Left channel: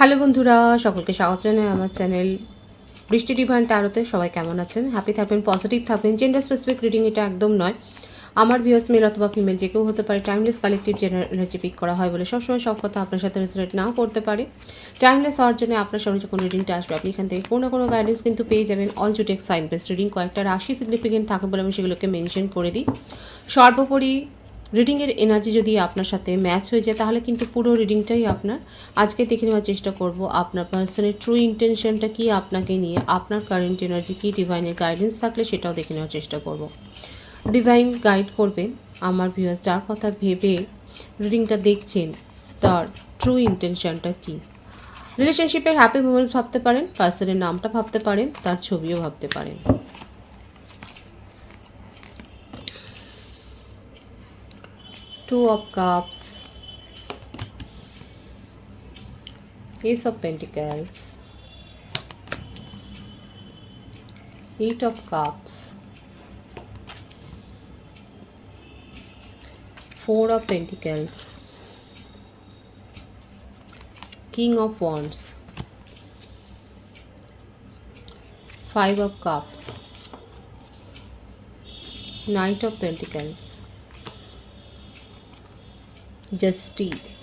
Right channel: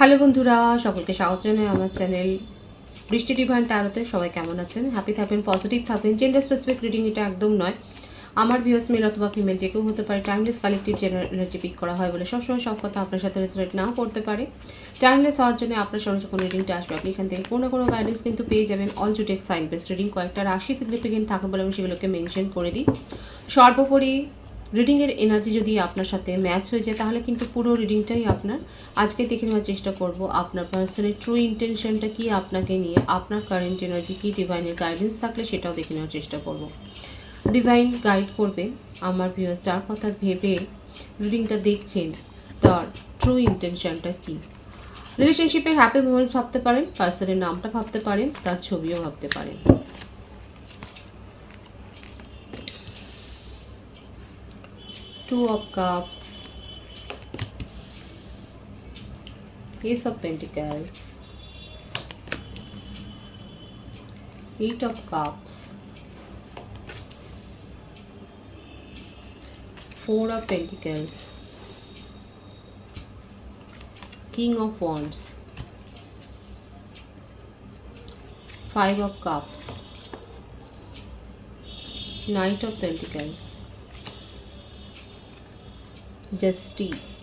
Hello বন্ধুরা, সকলকে স্বাগত জানাই আমার চ্যানেল বৃষ্টি ডিভাইন ট্যারোতে। সবাই কেমন আছেন? হ্যাপি থাকবেন, পজিটিভ থাকবেন। জেন্ডার স্পেসিফিক রিডিং এটা একদম নয়। আমার ভিউয়ার্স মেল অথবা ফিমেল যে কেউ হতে পারে। Timeless collective general energy peak করা হয় বলে সবসময় সব কথা আপনার সাথে রেজোনেট নাও করতে পারে। টাইমলেস হওয়ার জন্য আপনার সামনে যখন রিডিংটা আসবে আপনি এখান থেকে কোনো না কোনো গাইডেন্স কিন্তু পেয়ে যাবেন। অল জুটেক সাইন বেস রিডিং কয়েকটা রাশি সিগনিফিকেন্ট থাকে বলে আমি সেগুলোকে মেনশন করে দিই। সর্বোপরি রিডিংয়ের এনার্জি যদি আপনার সাথে ম্যাচ হয়ে যায় তাহলে কিন্তু পুরো রিডিংটাই আপনার। আজকে দেখে নেওয়ার চেষ্টা করব আপনার পার্সনের ট্রু ইন্টেনশনটা কি আপনাকে নিয়ে, আপনার কারেন্ট এনার্জি কি, ডিভাইনের গাইডেন্স থাকলে সেটাও দেখে নেওয়ার চেষ্টা করব। ডিভাইন গাইড করবে আমার ভিউয়ার্স যার কথা ভেবে রিডিংটা দেখছেন তার ট্রু ইন্টেনশনটা কি। রিলেশনশিপের হ্যাপি মোমেন্টস ভাবতে পারেন, পার্সনের নামটা ভাবতে পারেন, তার ছবিও ভাবতে পারেন। Two of Cups, Ace of Pentacles, Eight of Cups, Four of Pentacles, King of Wands, Five of Cups, Knight of Pentacles, Justice.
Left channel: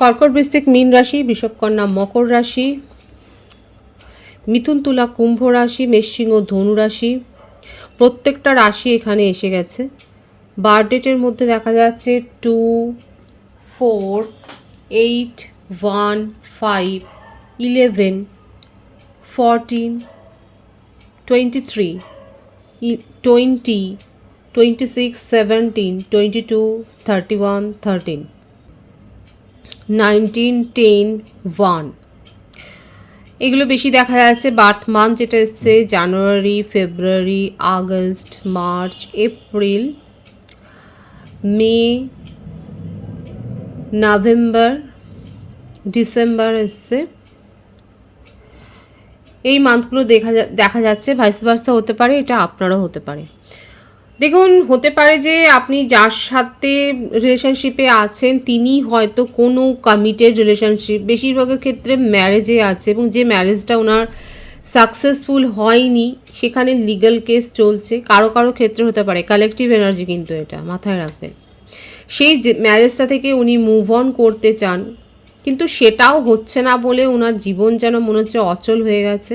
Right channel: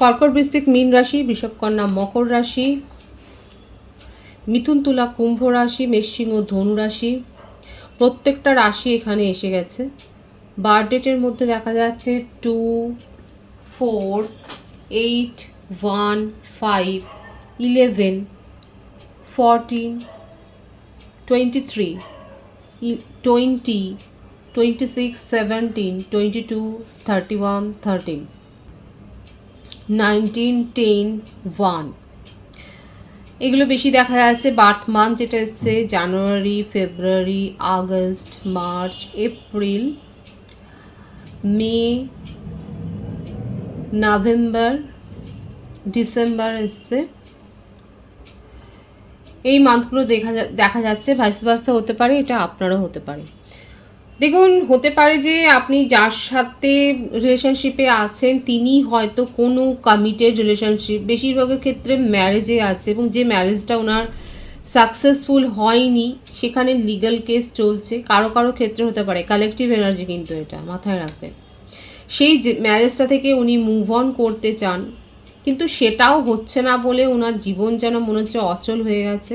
কর্কট, বৃশ্চিক, মীন রাশি, বৃষভ, কন্যা, মকর রাশি, মিথুন, তুলা, কুম্ভ রাশি, মেষ, সিংহ, ধনু রাশি। প্রত্যেকটা রাশি এখানে এসে গেছে। বার্থ ডেটের মধ্যে দেখা যাচ্ছে 2, 4, 8, 1, 5, 11, 14, 23, 20, 26, 17, 22, 31, 13, 19, 10, 1। এগুলো বেশি দেখা যাচ্ছে। বার্থ মান্থ যেটা এসছে জানুয়ারি, ফেব্রুয়ারি, আগস্ট, মার্চ, এপ্রিল, মে, নভেম্বর, ডিসেম্বর এসছে। এই মান্থগুলো দেখা যাচ্ছে। ভাইস ভার্সা হতে পারে, এটা আপনারও হতে পারে। দেখুন, হতে পারে যে আপনি যার সাথে রিলেশনশিপে আছেন তিনি হয়তো কোনো কমিটেড রিলেশনশিপ, বেশিরভাগের ক্ষেত্রে ম্যারেজে আছে এবং যে ম্যারেজটা ওনার সাকসেসফুল হয়নি সেখানে লিগ্যাল কেস চলছে। কারো কারো ক্ষেত্রে হতে পারে কালেকটিভ এনার্জি, কিন্তু এটা মাথায় রাখবেন। সেই যে ম্যারেজটা থেকে উনি মুভ অন করতে চান কিন্তু সেটাও হচ্ছে না বলে ওনার জীবন যেন মনে হচ্ছে অচল হয়ে গেছে।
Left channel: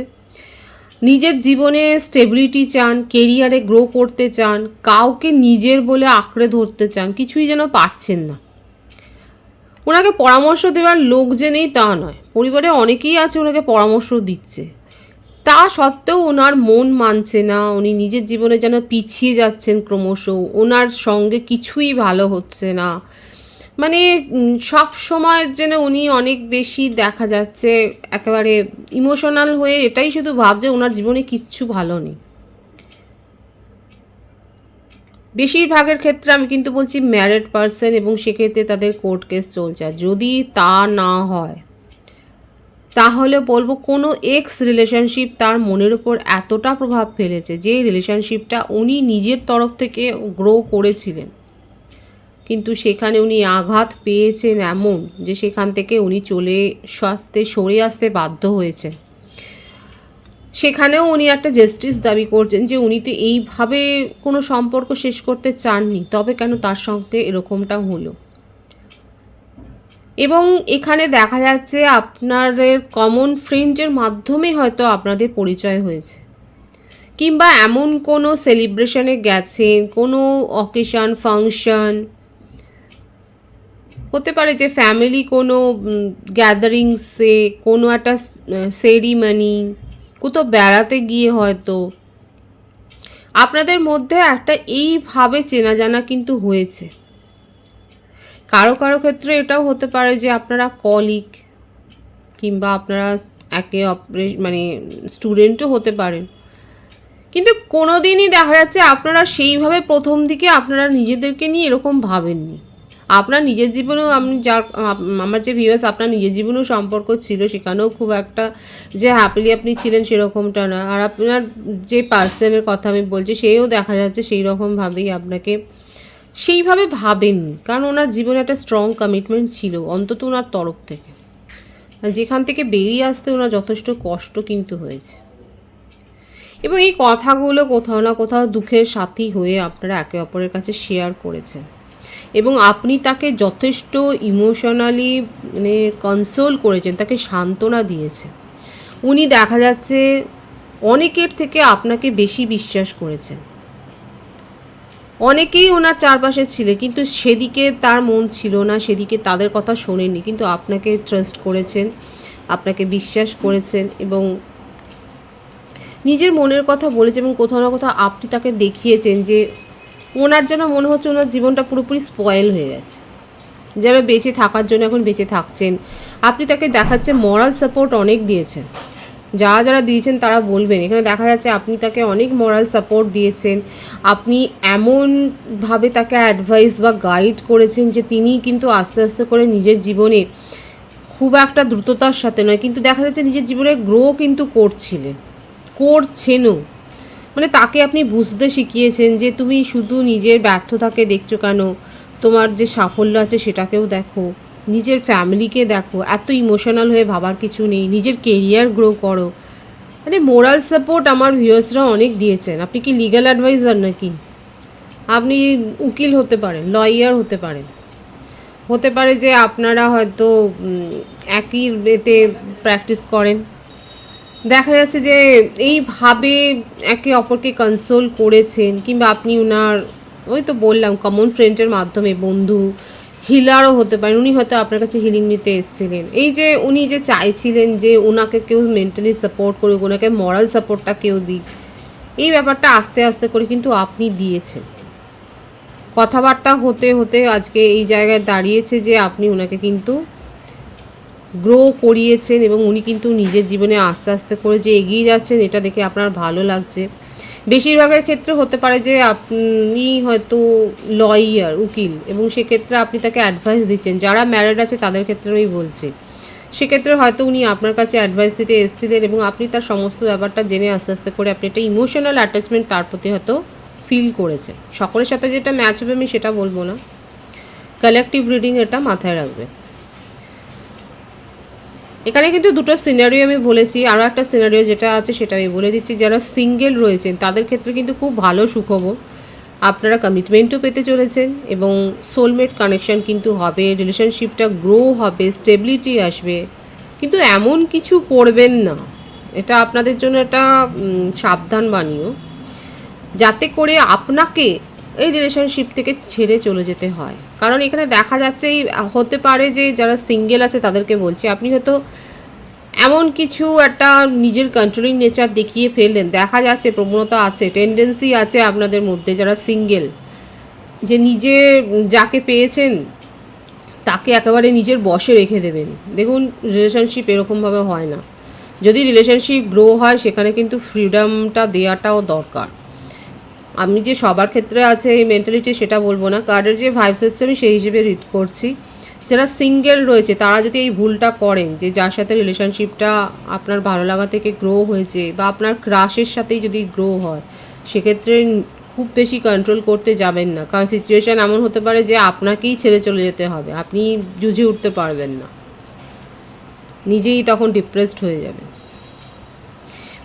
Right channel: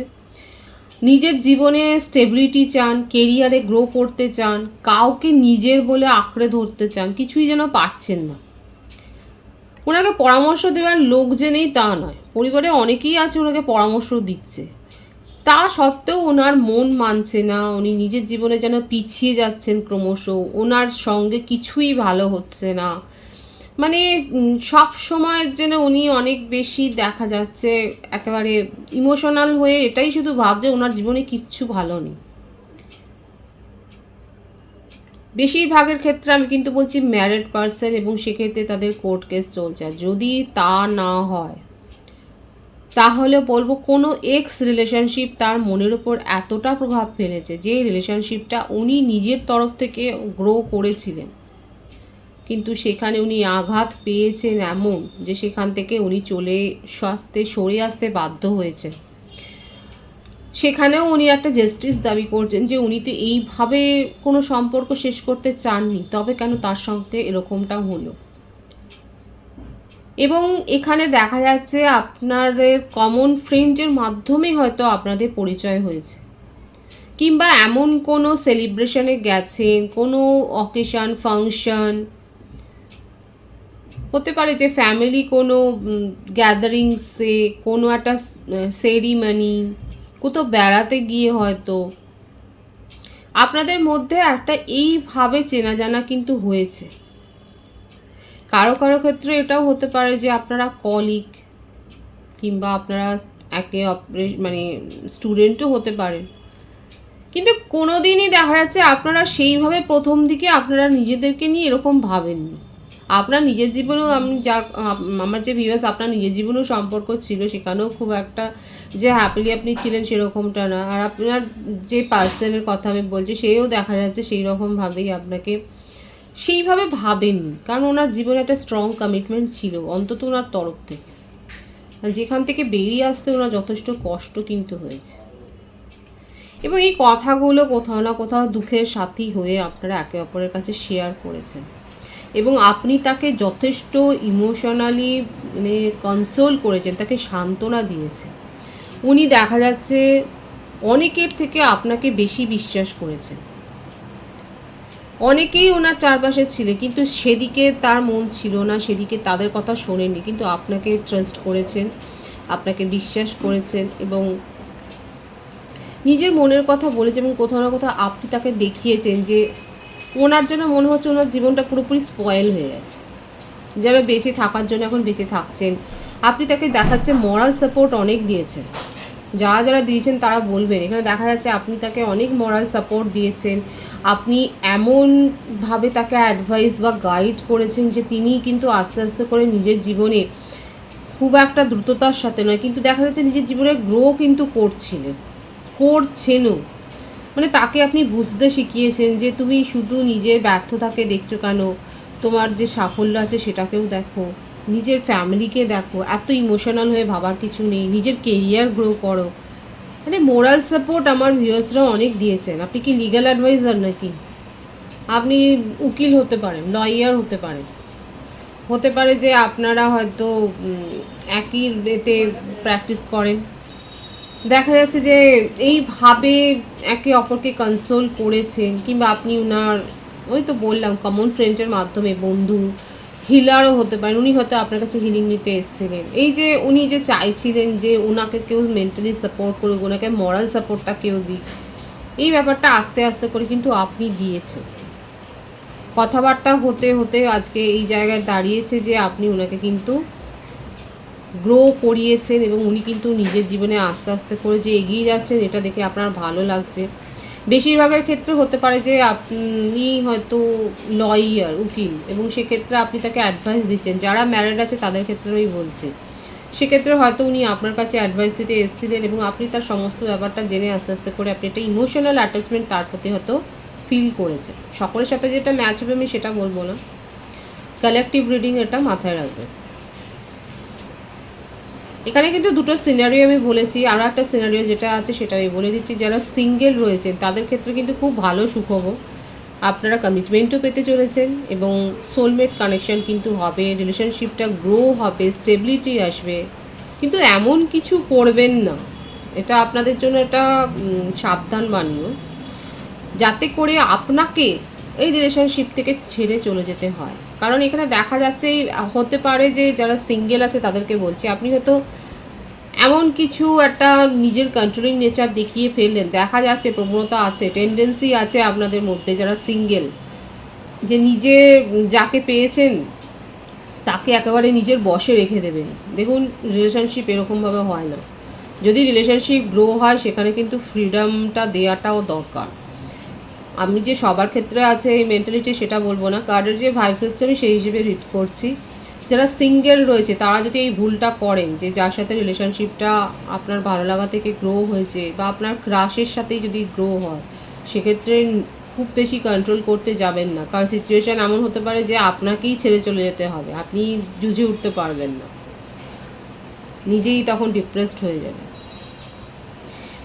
নিজের জীবনে স্টেবিলিটি চান, কেরিয়ারে গ্রো করতে চান, কাউকে নিজের বলে আঁকড়ে ধরতে চান, কিছুই যেন পারছেন না। ওনাকে পরামর্শ দেওয়ার লোক যে নেই তা নয়, পরিবারে অনেকেই আছে ওনাকে পরামর্শ দিচ্ছে, তা সত্ত্বেও ওনার মন মানছে না। উনি নিজের জীবনে যেন পিছিয়ে যাচ্ছেন ক্রমশ, ওনার সঙ্গে কিছুই ভালো হচ্ছে না। মানে সব সময় যেন উনি অনেক বেশি দেখা যাচ্ছে একেবারে ইমোশনাল হয়ে এটাই শুধু ভাবছে ওনার জীবনে কিচ্ছু ভালো নেই। বেশিরভাগের ক্ষেত্রে আমি কিন্তু বলছি ম্যারিড পার্সন, এবং সেক্ষেত্রে তাদের কোর্ট কেস চলছে। যদি তা না হয় তাহলে বলবো কোনো এক্স রিলেশনশিপ তার মনের উপর এতটা প্রভাব ফেলেছে যে রিলেশনশিপটা উনি নিজের তরফ থেকে গ্রো করেছিলেন, কিন্তু সেখানে উনি আঘাত পেয়েছেন এমন যে সেখান থেকে উনি সরে আসতে বাধ্য হয়েছেন। সেখানেও উনি একটা জাস্টিস দাবি করছেন যে উনি তো এইভাবে কোনো সম্পর্ক শেষ করতে চাননি, তবে কেন তার সঙ্গে এরকমটা হলো। এবং এখানে দেখা যাচ্ছে আপনাদের কমন ফ্রেন্ডের মাধ্যমে হয়তো আপনাদের পরিচয় হয়েছে, কিংবা এমন কোনো সেলিব্রেশনে গেছেন, কোনো অকেশন ফাংশন হতে পারে, যে ফ্যামিলি কোনো গ্যাদারিংসে, কোনো একটা সেরিমনি, কোথাও বেড়াতে গিয়ে হয়তো আপনাদের মধ্যে একটা এইভাবে চেনা জানা কিন্তু হয়েছে। কারো কারো ক্ষেত্রে এটাও হতে পারে যে আপনারা কলিগ, কিংবা আপনারা একে অপরের মানে স্টুডেন্টও হতে পারেন, কিন্তু কোনো দিনই দেখা যাচ্ছে আপনারা সেইভাবে প্রথম দিকে আপনারা নিজেদেরকে নিয়ে এরকম ভাবেননি। আপনার নিজের জীবনেও আমার যে ভিউয়ার্স আপনার নিজের জীবনেও সম্পর্ক ছিল, সেখানেও খুব একটা যে হ্যাপিলি আপনি ছিলেন সেরকমটা না। আর আপনার যে পার্সনের কথা আমি বলছি সেও দেখা যাচ্ছে সেই রকমভাবেই আপনাকে সেইভাবে ভাবেননি, কারণ ওনার জীবনে একটা স্ট্রং কমিটমেন্ট ছিল অন্তত ওনার তরফ থেকে, যেখান থেকে বেরিয়ে আসতে ওনার যথেষ্ট কষ্ট কিন্তু হয়েছে। এবং এই কথাগুলো কোথাও না কোথাও দুঃখের সাথী হয়ে আপনারা একে অপরের কাছে শেয়ার করেছেন, এবং আপনি তাকে যথেষ্ট ইমোশনালি মানে কনসোল করেছেন, তাকে সান্ত্বনা দিয়েছেন। উনি দেখা যাচ্ছে অনেকের থেকে আপনাকে বেশি বিশ্বাস করেছেন। অনেকেই ওনার চারপাশে ছিল, কিন্তু সেদিকে তার মন ছিল না, সেদিকে তাদের কথা শোনেননি, কিন্তু আপনাকে ট্রাস্ট করেছেন, আপনাকে বিশ্বাস করেছেন এবং নিজের মনের কথা বলেছেন, এবং কোথাও না কোথাও আপনি তাকে দেখিয়েছেন যে ওনার যেন মনে হচ্ছে ওনার জীবনটা পুরোপুরি স্পয়েল হয়ে গেছে, যেন বেঁচে থাকার জন্য এখন বেঁচে থাকছেন। আপনি তাকে দেখাচ্ছে মরাল সাপোর্ট অনেক দিয়েছেন, যারা যারা দিয়েছেন তারা বলবেন, এখানে দেখা যাচ্ছে আপনি তাকে অনেক মরাল সাপোর্ট দিয়েছেন। আপনি এমনভাবে তাকে অ্যাডভাইস বা গাইড করেছেন যে তিনি কিন্তু আস্তে আস্তে করে নিজের জীবনে খুব একটা দ্রুততার সাথে নয়, কিন্তু দেখা যাচ্ছে নিজের জীবনে গ্রো কিন্তু করছেনও। মানে তাকে আপনি বুঝতে শিখিয়েছেন যে তুমি শুধু নিজের ব্যর্থতাকে দেখছো কেন, তোমার যে সাফল্য আছে সেটাকেও দেখো, নিজের ফ্যামিলিকে দেখো, এত ইমোশনাল হয়ে ভাবার কিছু নেই, নিজের কেরিয়ার গ্রো করো। মানে মোরাল সাপোর্ট আমার ভিউয়ার্সরা অনেক দিয়েছেন। আপনি কি লিগ্যাল অ্যাডভাইজার নাকি? আপনি উকিল হতে পারেন, লয়ার হতে পারেন, হতে পারে যে আপনারা হয়তো একই এতে প্র্যাকটিস করেন। দেখা যাচ্ছে যে এইভাবে একে অপরকে কনসোল করেছেন, কিংবা আপনি ওনার ওই তো বললাম কমন ফ্রেন্ডের মাধ্যমে বন্ধু, হিলারও হতে পারেন। উনি হয়তো আপনার কাছে হিলিং নিতে এসেছিলেন। এই যে উনি যে চাইছিলেন যে ওনাকে কেউ মেন্টালি সাপোর্ট করুক, ওনাকে মরাল সাপোর্টটা কেউ দিক, এই ব্যাপারটা আস্তে আস্তে করে কিন্তু আপনি দিয়েছেন। কথাবার্তা হতে হতে আজকে এই জায়গায় দাঁড়িয়েছে যে আপনি ওনাকে কিন্তু গ্রো করিয়েছেন, এবং উনি কিন্তু নিজের জীবনে আস্তে আস্তে করে যে এগিয়ে যাচ্ছেন, এটা দেখে আপনার ভালো লাগছে। বেশিরভাগের ক্ষেত্রে হতে পারে যে আপনি হয়তো লয়ার, উকিল, এবং সেক্ষেত্রে আপনি তাকে অ্যাডভাইস দিচ্ছেন। যারা ম্যারিড আছে তাদের ক্ষেত্রে আমি বলছি, সেক্ষেত্রে হয়তো উনি আপনার কাছে অ্যাডভাইস দিতে এসেছিলেন, এবং আপনি তার সমস্ত ব্যাপারটা জেনে আস্তে আস্তে করে আপনি একটা ইমোশনাল অ্যাটাচমেন্ট তার প্রতি হয়তো ফিল করেছেন। সকলের সাথে যেটা ম্যাচ হবে আমি সেটা বলবো না, কালেকটিভ রিডিং, এটা মাথায় রাখবে। এখানে কিন্তু দুটো সিনারিও আমি বলেছি, আরও একটা সিনারিও যেটা আছে সেটা আমি বলে দিচ্ছি। যারা সিঙ্গেল রয়েছেন তাদের ক্ষেত্রে কিন্তু খুব ভালো সুখবর, আপনারা কমিটমেন্টও পেতে চলেছেন, এবং সোলমেট কানেকশন কিন্তু হবে, রিলেশনশিপটা গ্রো হবে, স্টেবিলিটি আসবে। কিন্তু এমন কিছু করবেন না, এটা আপনাদের জন্য একটা সাবধান বাণীও, যাতে করে আপনাকে এই রিলেশনশিপ থেকে ছেড়ে চলে যেতে হয়। কারণ এখানে দেখা যাচ্ছে এই হতে পারে যে যারা সিঙ্গেল আছে তাদেরকে বলছি, আপনি হয়তো এমন কিছু একটা নিজের কন্ট্রোলিং নেচার দেখিয়ে ফেললেন, দেখা যাচ্ছে প্রবণতা আছে, টেন্ডেন্সি আছে আপনাদের মধ্যে যারা সিঙ্গেল, যে নিজে যাকে পেয়েছেন তাকে একেবারে নিজের বশে রেখে দেবেন। দেখুন, রিলেশনশিপ এরকমভাবে হয় না। যদি রিলেশনশিপ গ্রো হয় সেখানে কিন্তু ফ্রিডমটা দেওয়াটাও দরকার। আমি যে সবার ক্ষেত্রে আছে এই মেন্টালিটি সেটা বলবো না, কার্ডের যে ভাইব সিস্টেম সেই হিসেবে রিড করছি। যারা সিঙ্গেল রয়েছে তারা যদি এই ভুলটা করেন, যে যার সাথে রিলেশনশিপটা আপনার ভালো লাগা থেকে গ্রো হয়েছে, বা আপনার ক্রাশের সাথেই যদি গ্রো হয়, সেক্ষেত্রে খুব বেশি কন্ট্রোল করতে যাবেন না, কারণ সিচুয়েশান এমন হতে পারে যে আপনাকেই ছেড়ে চলে যেতে হবে, আপনি জুঝে উঠতে পারবেন না, নিজেই তখন ডিপ্রেসড হয়ে যাবেন।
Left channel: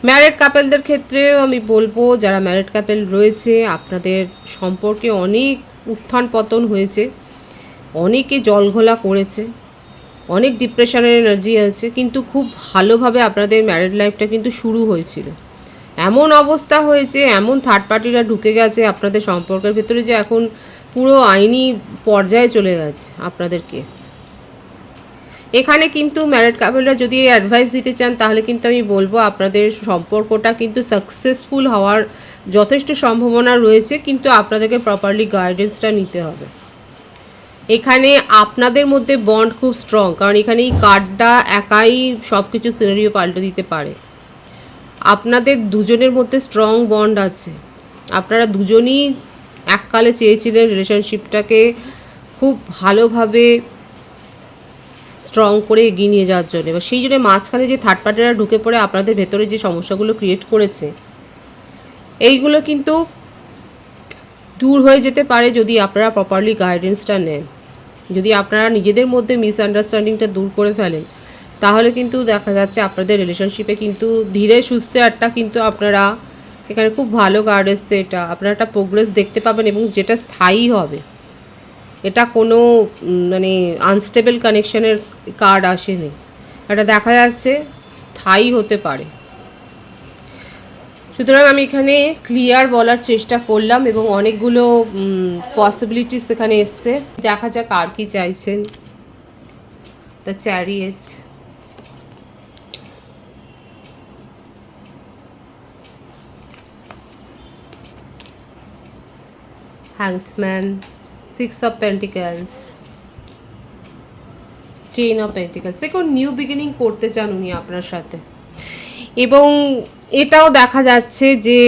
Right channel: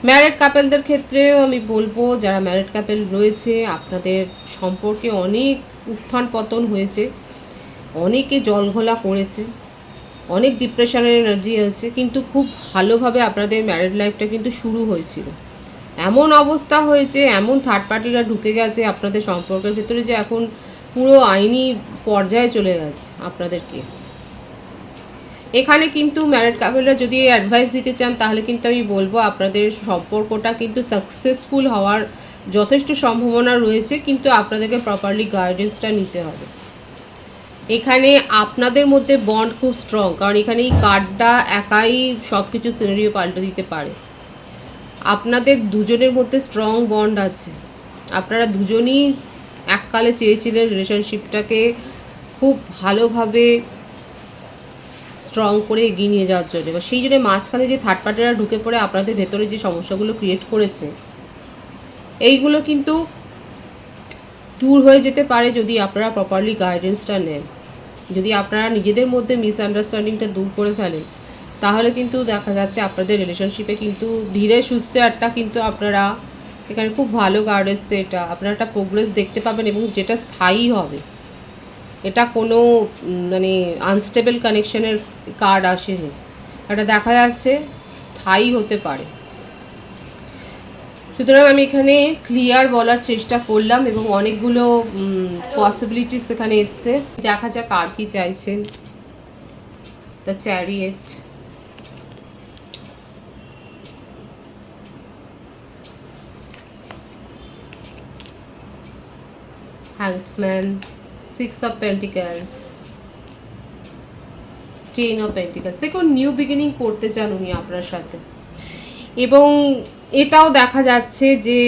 ম্যারিড কাপেলদের ক্ষেত্রেও আমি বলবো, যারা ম্যারিড কাপেল রয়েছে আপনাদের সম্পর্কে অনেক উত্থান পতন হয়েছে, অনেকে জলঘোলা করেছে, অনেক ডিপ্রেশনের এনার্জি আছে, কিন্তু খুব ভালোভাবে আপনাদের ম্যারিড লাইফটা কিন্তু শুরু হয়েছিল। এমন অবস্থা হয়েছে, এমন থার্ড পার্টিরা ঢুকে গেছে আপনাদের সম্পর্কের ভেতরে, যে এখন পুরো আইনি পর্যায়ে চলে গেছে আপনাদের কেস। এখানে কিন্তু ম্যারিড কাপলরা যদি অ্যাডভাইস দিতে চান তাহলে কিন্তু আমি বলবো আপনাদের সম্পর্কটা কিন্তু সাকসেসফুল হওয়ার যথেষ্ট সম্ভাবনা রয়েছে, কিন্তু আপনাদেরকে প্রপারলি গাইডেন্সটা নিতে হবে। এখানে আপনাদের মধ্যে বন্ড খুব স্ট্রং, কারণ এখানে এই কার্ডটা একাই সব কিছু সিনারিও পাল্টে দিতে পারে। আপনাদের দুজনের মধ্যে স্ট্রং বন্ড আছে, আপনারা দুজনই এককালে চেয়েছিলেন রিলেশনশিপটাকে খুব ভালোভাবে স্ট্রং করে এগিয়ে নিয়ে যাওয়ার জন্য, এবার সেই জন্য মাঝখানে যে থার্ড পার্টিরা ঢুকে পড়ে আপনাদের ভেতরে যে সমস্যাগুলো ক্রিয়েট করেছে, এইগুলো কিন্তু দূর হয়ে যেতে পারে যদি আপনারা প্রপারলি গাইডেন্সটা নেন। যদি আপনারা নিজেদের মধ্যে মিসআন্ডারস্ট্যান্ডিংটা দূর করে ফেলেন, তাহলে কিন্তু দেখা যাচ্ছে আপনাদের রিলেশনশিপে কিন্তু ধীরে সুস্থে একটা কিন্তু আপনারা এখানে খুব ভালো কার্ড এসছে, এটা আপনারা একটা প্রোগ্রেস দেখতে পাবেন এবং যেটা স্থায়ী হবে। এটা কোনো মানে আনস্টেবল কানেকশনের কার্ড আসেনি, এটা দেখা যাচ্ছে স্থায়ী হতে পারে। সুতরাং আমি এখানে ক্লিয়ার বলার চেষ্টা করলাম এবং অনেকগুলো পসিবিলিটিস এখানে এসছে। দেখা যাক আর কি চাইছেন। The chariot, hangman, 6 of pentacles, 10 of pentacles. দেখুন নিউ বিগিনিং করতে চান উনি আপনার সাথে, এবং এটাও দেখা যাচ্ছে যে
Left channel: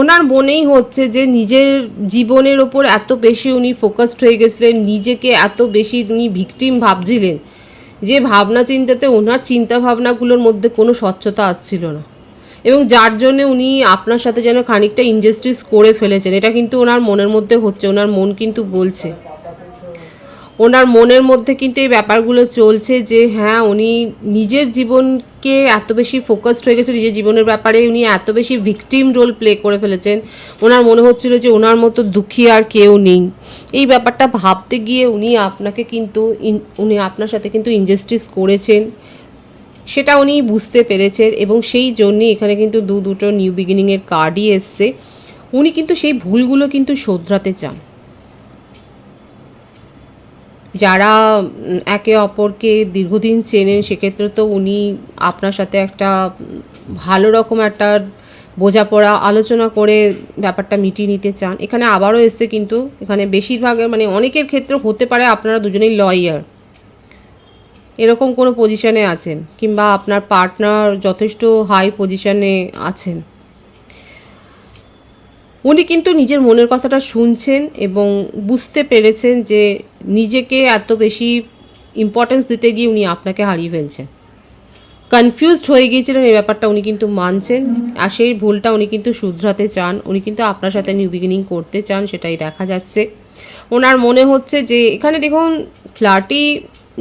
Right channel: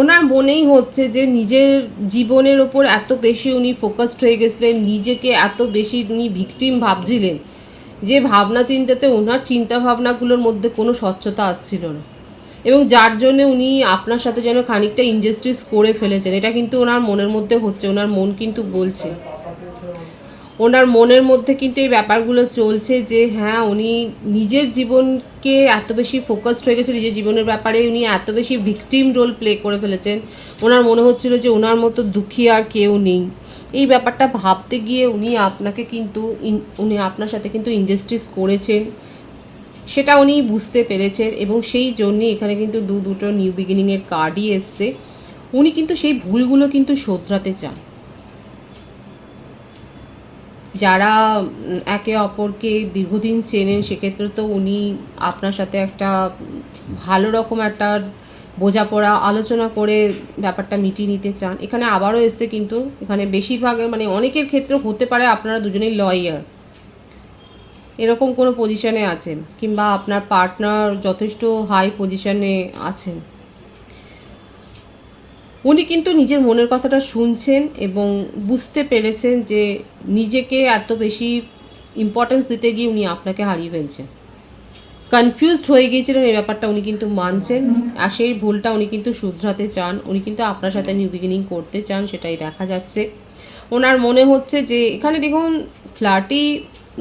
ওনার মনেই হচ্ছে যে নিজের জীবনের ওপর এত বেশি উনি ফোকাসড হয়ে গেছিলেন, নিজেকে এত বেশি উনি ভিকটিম ভাবছিলেন যে ভাবনা চিন্তাতে ওনার চিন্তা ভাবনাগুলোর মধ্যে কোনো স্বচ্ছতা আসছিল না, এবং যার জন্য উনি আপনার সাথে যেন খানিকটা ইনজাস্টিস করে ফেলেছেন। এটা কিন্তু ওনার মনের মধ্যে হচ্ছে, ওনার মন কিন্তু বলছে, ওনার মনের মধ্যে কিন্তু এই ব্যাপারগুলো চলছে যে হ্যাঁ উনি নিজের জীবনকে এত বেশি ফোকাসড হয়ে গেছে, নিজের জীবনের ব্যাপারে উনি এত বেশি ভিকটিম রোল প্লে করে ফেলেছেন। ওনার মনে হচ্ছিল যে ওনার মতো দুঃখী আর কেউ নেই। এই ব্যাপারটা ভাবতে গিয়ে উনি আপনাকে কিন্তু উনি আপনার সাথে কিন্তু ইনজাস্টিস করেছেন, সেটা উনি বুঝতে পেরেছেন, এবং সেই জন্যই এখানে কিন্তু দুটো নিউ বিগিনিংয়ের কার্ডই এসছে। উনি কিন্তু সেই ভুলগুলো কিন্তু শোধরাতে চান। যারা একে অপরকে দীর্ঘদিন চেনেন সেক্ষেত্রে তো উনি আপনার সাথে একটা ভালো রকম একটা বোঝাপড়া আলোচনা করে ব্যাপারটা মিটিয়ে নিতে চান। এখানে আবারও এসছে কিন্তু এখানে বেশিরভাগ মানে অনেকের ক্ষেত্রে হতে পারে আপনারা দুজনেই লয়ার, এরকম কোনো পজিশনে আছেন, কিংবা আপনার পার্টনার যথেষ্ট হাই পজিশনে আছেন। উনি কিন্তু নিজের মনের কথাটা শুনছেন এবং বুঝতে পেরেছেন যে নিজেকে এত বেশি ইম্পর্টেন্স দিতে গিয়ে উনি আপনাকে হারিয়ে ফেলছেন। কনফিউজড হয়ে গিয়েছিলেন, এই ব্যাপারটা উনি কিন্তু মানছেন, আর সেই ভুলটা উনি কিন্তু শুধরাতে চান। উনি কিন্তু আপনার সাথে নিউ বিগিনিং করতে চান, সেটাই দেখা যাচ্ছে। ওনার মনে হচ্ছে যে এখানে দেখুন ফ্লার্টি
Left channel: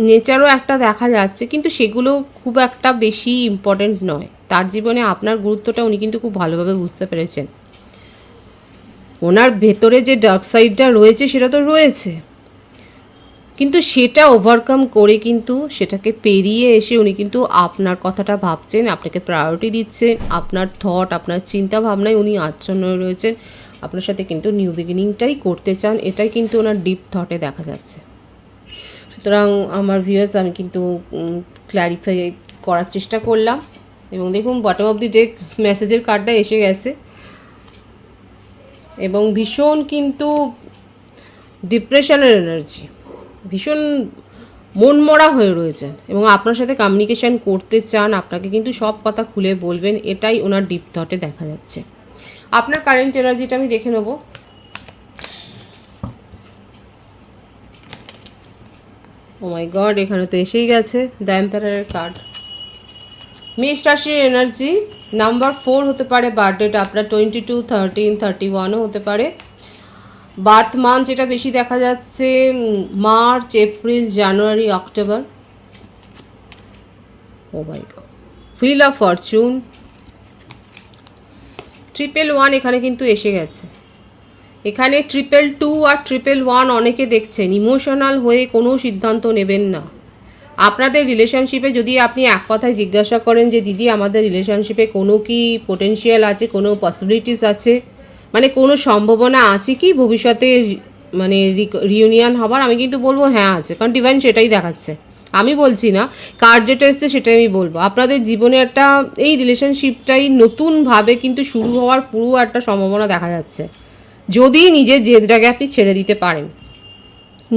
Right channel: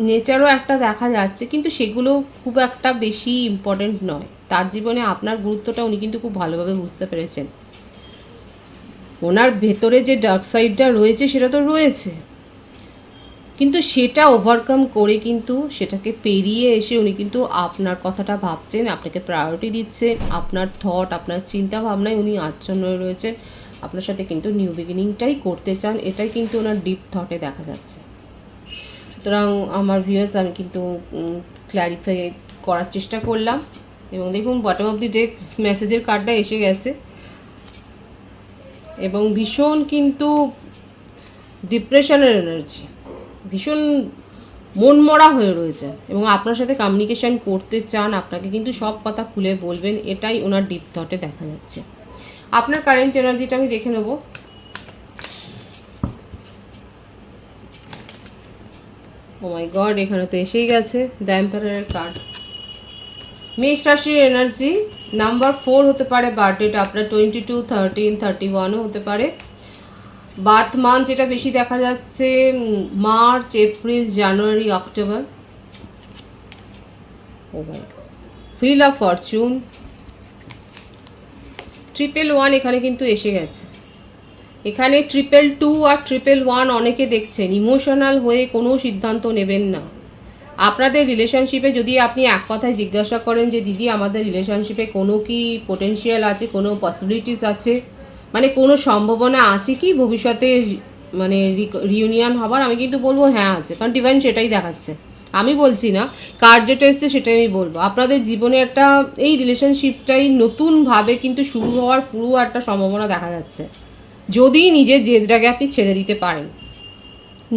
নেচারও একটা দেখা যাচ্ছে, কিন্তু সেগুলো খুব একটা বেশি ইম্পর্টেন্ট নয়। তার জীবনে আপনার গুরুত্বটা উনি কিন্তু খুব ভালোভাবে বুঝতে পেরেছেন। ওনার ভেতরে যে ডার্ক সাইডটা রয়েছে সেটা তো রয়েছে, কিন্তু সেটা ওভারকাম করে কিন্তু সেটাকে পেরিয়ে এসে উনি কিন্তু আপনার কথাটা ভাবছেন, আপনাকে প্রায়োরিটি দিচ্ছেন, আপনার থট, আপনার চিন্তা ভাবনায় উনি আচ্ছন্ন রয়েছেন, আপনার সাথে কিন্তু নিউ বিগিনিংটাই করতে চান। এটাই কিন্তু ওনার ডিপ থটে দেখা যাচ্ছে। সুতরাং আমার ভিউয়ার্স, আমি কিন্তু ক্ল্যারিফাই করার চেষ্টা করলাম, এবং দেখুন বটম অফ দি ডেক মেসেজের কার্ডটা এসে গেছে, এবং ভীষণ কিন্তু ডিপ্রেশনের এনার্জি, ভীষণ মনমরা হয়ে রয়েছেন, এবং আপনার সাথে কমিউনিকেশন করতে চান, আপনাকে কিন্তু সব কথা খুলে বলবেন, এটাই ওনার ডিপ থটে দেখা যাচ্ছে। আপনার কারেন্ট এনার্জিটা আমি দেখে নেব। ও মাই গড, এখানে তো এসেই গেছে দ্য এম্পারারের কার্ড। মেষ রাশির এনার্জি নাম্বার 4 হতে পারে, বার্থডেটা আপনার 22, 13, 31ও হতে পারে। বার্থ মান্থ যেটা বেশি দেখা যাচ্ছে March, April, January, October. Oh my god, wheel of fortune, 111 এখানে কিন্তু এসে গেছে। এখানে 222 আর 111 অনেকে দেখছেন। ইমোশনাল হয়ে কোনো সিদ্ধান্ত নেবেন না। আপনাদের রিলেশনশিপে যদি আপনি এক কথায় জিজ্ঞাসা করেন যে দিদি আমাদের রিলেশনশিপে কোনো কি পোটেনশিয়াল আছে, কোনো পসিবিলিটিস আছে, মানে কোনো সম্ভাবনা আছে কি ভবিষ্যতে মানে রিউনিয়ন হবার, আমি কিন্তু বলবো হ্যাঁ আছে, কারণ ডিভাইন সেটাই দেখাচ্ছে। আমি বলছি না, কার্ড যেটা এসছে সেটাই আমি বলবো। আপনাদের জীবনে একটা এই রিলেশনশিপটাই নতুনভাবে কিন্তু শুরু হওয়ার পুরো একটা সম্ভাবনা দেখা যাচ্ছে, যদি নিজের জেদটাকে আপনি ছেড়ে দিতে পারেন।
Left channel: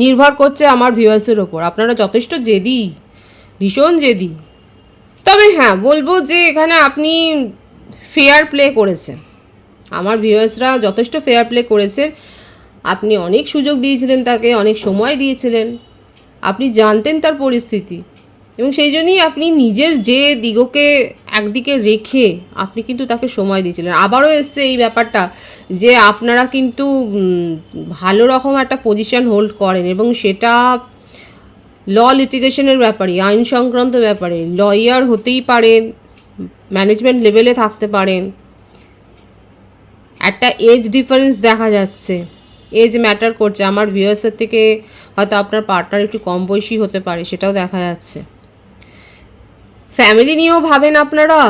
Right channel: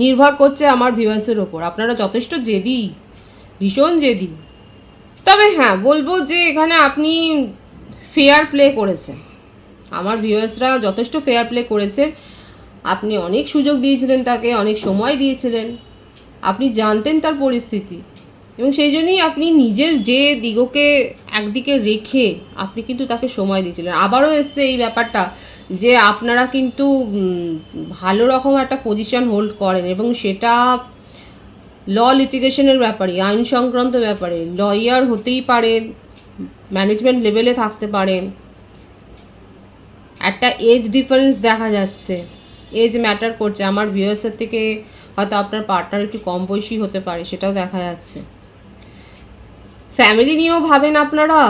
নির্ভর করছে আমার ভিউয়ার্সের ওপর, আপনারা যথেষ্ট জেদি, ভীষণ জেদি। তবে হ্যাঁ বলবো যে এখানে আপনি ফেয়ার প্লে করেছেন, আমার ভিউয়ার্সরা যথেষ্ট ফেয়ার প্লে করেছেন। আপনি অনেক সুযোগ দিয়েছিলেন তাকে, অনেক সময় দিয়েছিলেন, আপনি জানতেন তার পরিস্থিতি, এবং সেই জন্যই আপনি নিজের যে দিগকে একদিকে রেখে আপনি কিন্তু তাকে সময় দিয়েছিলেন। আবারও এসছে এই ব্যাপারটা যে আপনারা কিন্তু ভালো রকম একটা পজিশন হোল্ড করেন এবং সেটা ল লিটিগেশনের ব্যাপারে, আইন সংক্রান্ত ব্যাপারে লয়ার হতেই পারেন, ম্যানেজমেন্ট লেভেলে থাকতে পারেন। একটা এজ ডিফারেন্স দেখা যাচ্ছে, এজ ম্যাটার করছে। আমার ভিউয়ার্সের থেকে হয়তো আপনার পার্টনার একটু কম বয়সী হতে পারে, সেটাও দেখা যাচ্ছে। ফ্যামিলি নিয়েও ভাবেন আপনারা,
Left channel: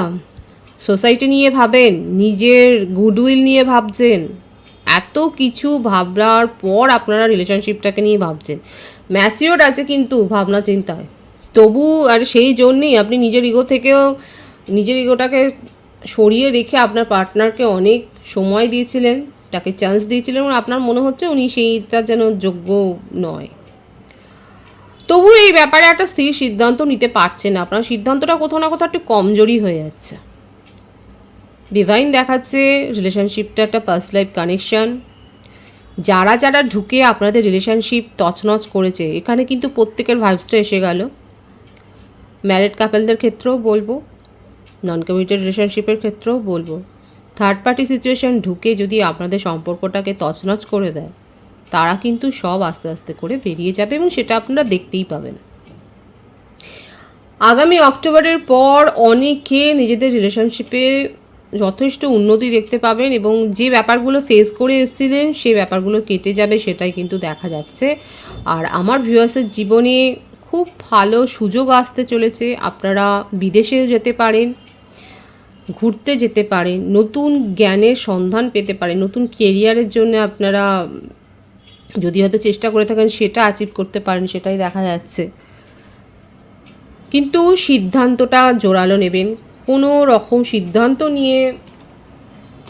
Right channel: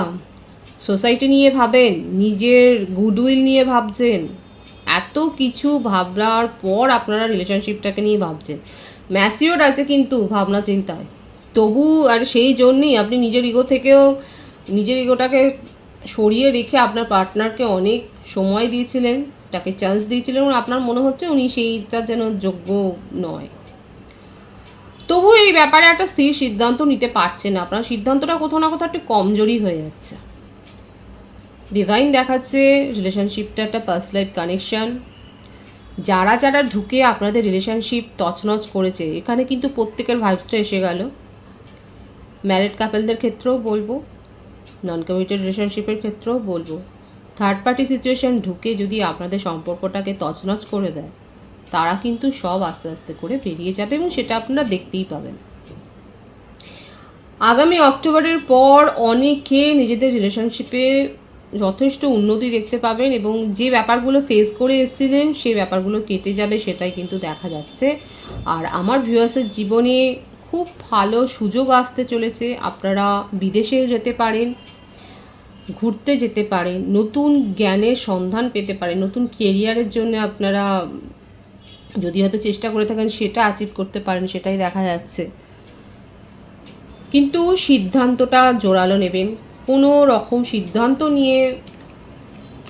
সোসাইটি নিয়ে ভাবেন, নিজের গুডউইল নিয়ে ভাবছেন। এত কিছু ভাবনার পর আপনারা রিলেশনশিপটাকে নিয়ে ভাবছেন। ম্যাচিওর আছে কিন্তু ভাবনা চিন্তায়, তবু আর সেই জন্যই আপনি নিজের ইগো থেকেও নিজের ইগোটাকে সরিয়ে রেখে আপনার পার্টনারকে অনেক সময় দিয়েছিলেন, তাকে চান্স দিয়েছিলেন এবং আপনার মনে হচ্ছে উনি সেইটা যেন যোগ্য নয়। তবু এই ব্যাপারে একটা স্থির সিদ্ধান্ত নিতে পারছেন না, আপনার সিদ্ধান্তটা কোথাও না কোথাও একটু কমজোরি হয়ে যাচ্ছে। ডিভাইন দেখাচ্ছে রিলেশনশিপটা একটা পার্স লাইফ কানেকশন। যারা যারা ঢুকে আপনাদের রিলেশনশিপ তছনছ করেছে, এখানে কিন্তু প্রত্যেকের ভাইবসটা এসে গেল। ম্যারিড কাপলদের ক্ষেত্রেও বলবো, নন কমিটেড রিলেশনশিপের ক্ষেত্রেও বলবো, থার্ড পার্টি সিচুয়েশন ঢুকে যদি আপনাদের সম্পর্কটাকে তছনছ করে দেয়, তারা কিন্তু সব আস্তে আস্তে করে বেরিয়ে যাবে এবং সেটা আপনারা দেখতেই পাবেন। আগামী অক্টোবরের পর অনেকে নিজেদের রিলেশনশিপে যথেষ্ট উন্নতি দেখতে পাবেন এবং যে ব্যাপারগুলো ফেস করে এসেছিলেন সেই ব্যাপারগুলো কেটে যাবে, সেটাই কিন্তু দেখা যাচ্ছে। আর আমার ভিউয়ার্সের জীবনে খুব ভালো সুযোগ আসতে চলেছে। আপনারা বিদেশেও যেতে পারেন, ঘুরতে যেতে পারেন, নতুন জ্ঞানের সন্ধান পেতে পারেন, নতুন কেরিয়ারের জন্য আপনারা যদি হয়তো চেষ্টা করে থাকেন সেটা অ্যাচিভ করতে পারেন, সেটাই দেখা যাচ্ছে। কিন্তু সিদ্ধান্তটা জোরালো নেবেন, কোনো রকম সিদ্ধান্ত নিয়ে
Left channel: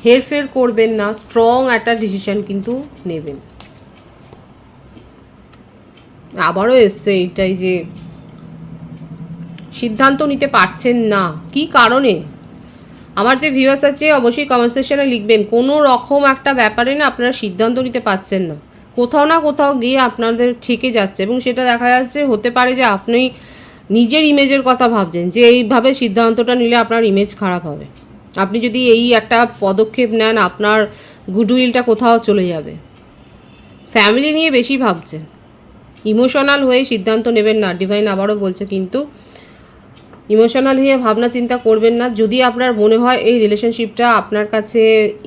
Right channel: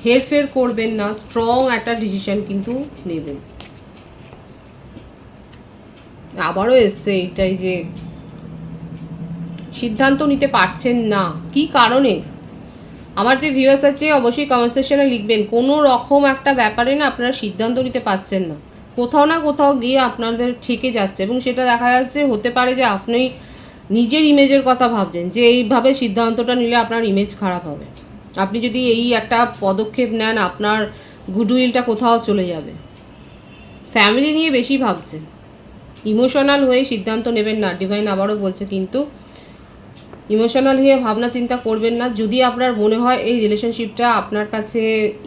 হেরফের করবেন না, স্ট্রং একটা ডিসিশন কিন্তু নেবেন। আবারও এসছে এইটাই যে সিদ্ধান্ত নিতে পারছেন না, কি কারণে? আমার যে ভিউয়ার্স আছে অবশ্যই কমেন্ট সেকশনে লিখবেন, কোনো রকম একটা ব্যাপারে না আপনারা সিদ্ধান্ত নিতে পারছেন না, কোথাও না কোথাও গিয়ে আপনাদের ঠেকে যাচ্ছে এবং সেটা দেখা যাচ্ছে। হতে পারে যে আপনি নিজের ইমেজের কথা ভাবছেন যে এইভাবে সিদ্ধান্তটা নিলে আপনার ইমেজ খারাপ হবে, আপনি যদি এই একটা পদক্ষেপ নেন আপনার গুডউইলটা কোথাও চলে যাবে। ফ্যামিলি নিয়ে বেশি ভাবছেন, ইমোশনাল হয়ে সিদ্ধান্ত নেবেন না। ডিভাইন আবারও বলছে কিন্তু ইমোশনাল হয়ে ভাবনা চিন্তা করবেন না। যদি আপনার মনে হয় এই রিলেশনশিপটা আপনার কাছে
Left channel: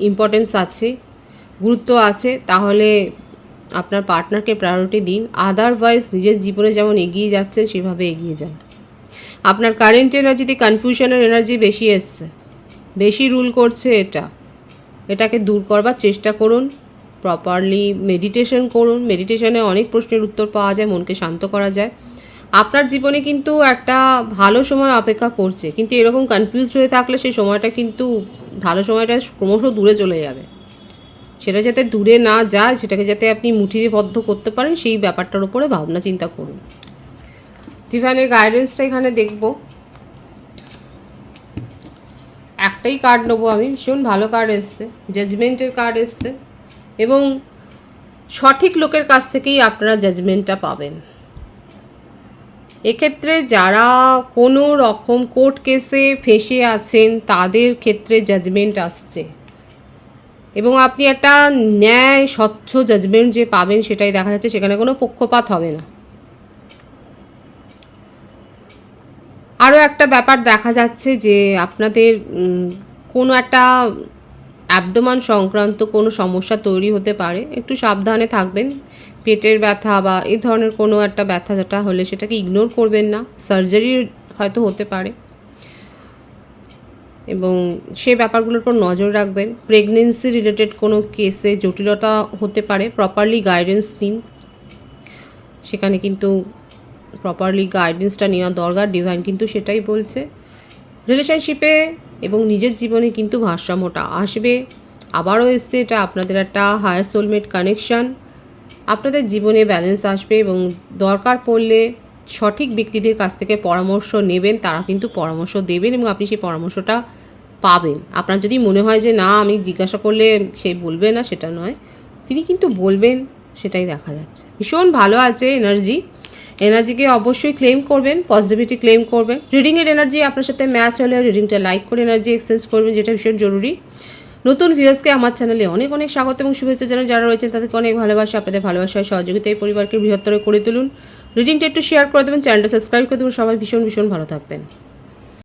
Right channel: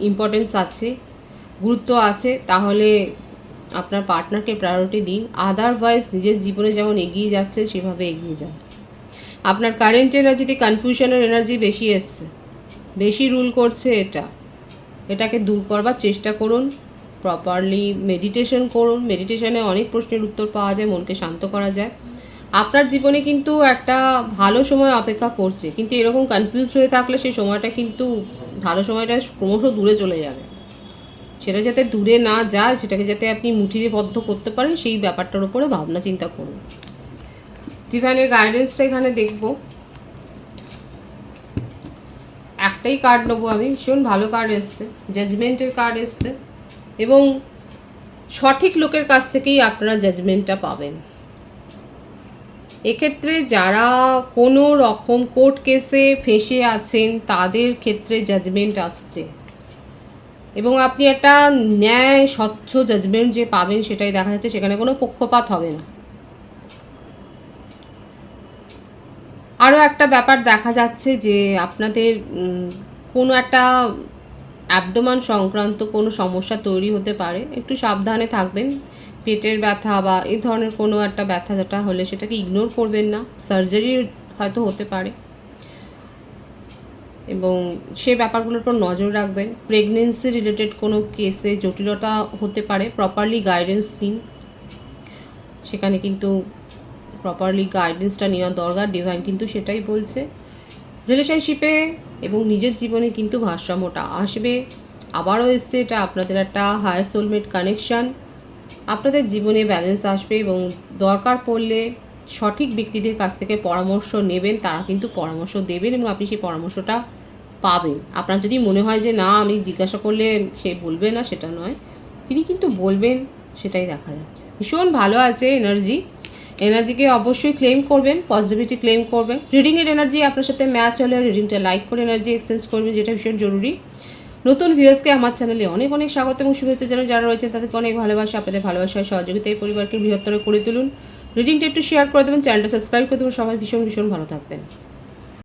ইম্পর্টেন্স আছে, গুরুত্ব আছে, তাহলে আপনার পার্টনারকে প্রায়োরিটি দিন। আদারওয়াইজ নিজের জীবনে যেমন এগিয়ে যাচ্ছে সেভাবে এগিয়ে যান। আপনার কারেন্ট এনার্জিতে কনফিউশনের এনার্জি বেশি এসছে, বেশি রুল করছে, এটাকে দূর করবার চেষ্টা করুন। প্রপারলি মেডিটেশন করুন, মেডিটেশনে অনেক প্রশ্নের উত্তর পাওয়া যায়, মনকে শান্ত করা যায়। আপনার জীবনে কিন্তু একটা ভালো সময় অপেক্ষা করছে, কিন্তু এরকম কনফিউজ হয়ে থাকলে সেই সময়টা কিন্তু ভালো সময়টা ক্রমশ দূরে চলে যাবে। সেটা যাতে দূরে না যায়, সেটাকে যাতে আপনি মুঠিতে বদ্ধ করতে পারেন, সেই ব্যাপারটার উপরে ভাবনা চিন্তা করুন। ডিভাইনের গাইডেন্সটা এখানে দেখব, একটাই কার্ড নেবো আমি, ভীষণ ভালো কার্ড এসছে, জাজমেন্টের কার্ড এসছে এবং সঠিক লোকের কাছ থেকেই আপনারা জাজমেন্টটা পাবেন। এক্ষেত্রে যারা কোনো রকম কোর্ট কেসে ফেঁসে আছেন তাদের ক্ষেত্রে জাজমেন্ট আসছে এবং আপনি একটা ন্যায় স্বচ্ছ জাজমেন্ট যে পাবেন সেটাই দেখা যাচ্ছে, সেখানে কোনো পক্ষপাত হবে না। আরও একটা ব্যাপার দেখা যাচ্ছে যে আপনাদের কোনো একটা অ্যাবডোমান সংক্রান্ত কোনো সমস্যা তৈরি হতে পারে, একটু সাবধানে থাকবেন। পেটের ব্যথা বা এই ধরনের কোনো একটা ব্যথা যেটা হলে সেটাকে ইগনোর করবেন না, সার্জারি হয়তো হতে পারে এবং সে ব্যাপারগুলোর উপর নজর রাখবেন। প্রেগনেন্সি রিলেটেড কোনো কেসে জটিলতা হতে পারে, প্রপারলি গাইডেন্স নিন, সেখানে কিন্তু প্রপারলি গাইডেন্সটা নেওয়া দরকার। ডিভাইন কিন্তু সেটাই বলছে। রিলেশনশিপে এবং নিজের জীবনে কিন্তু ভারসাম্যটা আসবে। আবারও এসছে এটা আপনাদের একটা হায়ার সোলমেট কানেকশান, আপনাদের জীবনে ব্যালেন্স আসবে এবং দরকার পড়লে সঠিক ব্যক্তিদের কাছ থেকে পরামর্শ নেবেন, তারা কিন্তু পরামর্শ দেবেন এবং আপনি সেই পরামর্শটা পাবেন। আপনার যদি মনে হয় যে না আমি জিজ্ঞাসা করলে সে বলবে না, সেটা নয়, তিনি কিন্তু বলবেন, সেটাই দেখা যাচ্ছে। ভীষণ ভালো আছে এনার্জি এনার্জিকে অবশ্যই ক্লেম করবেন, পজিটিভিটি ক্লেম করবেন। রিডিংয়ের এনার্জি আপনার সাথে ম্যাচ হলে রিডিংটা লাইক করে এনার্জি এক্সচেঞ্জ করবেন, যেটা ভীষণ জরুরি। নতুন ভিউয়ার্সকে আমার চ্যানেলে অনেক অনেক স্বাগত এবং শুভেচ্ছা জানাই। যারা রয়েছেন তাদেরকে অনেক ভালোবাসা। আপনাদের ভালোবাসায় সহযোগিতা এই পরিবারকে বৃহত্তর করে তুলুন। রিডিংটা একটু শেয়ার করে দেবেন, চ্যানেলটা সাবস্ক্রাইব করে দেবেন। সবাই ভীষণ ভীষণ ভালো থাকবেন।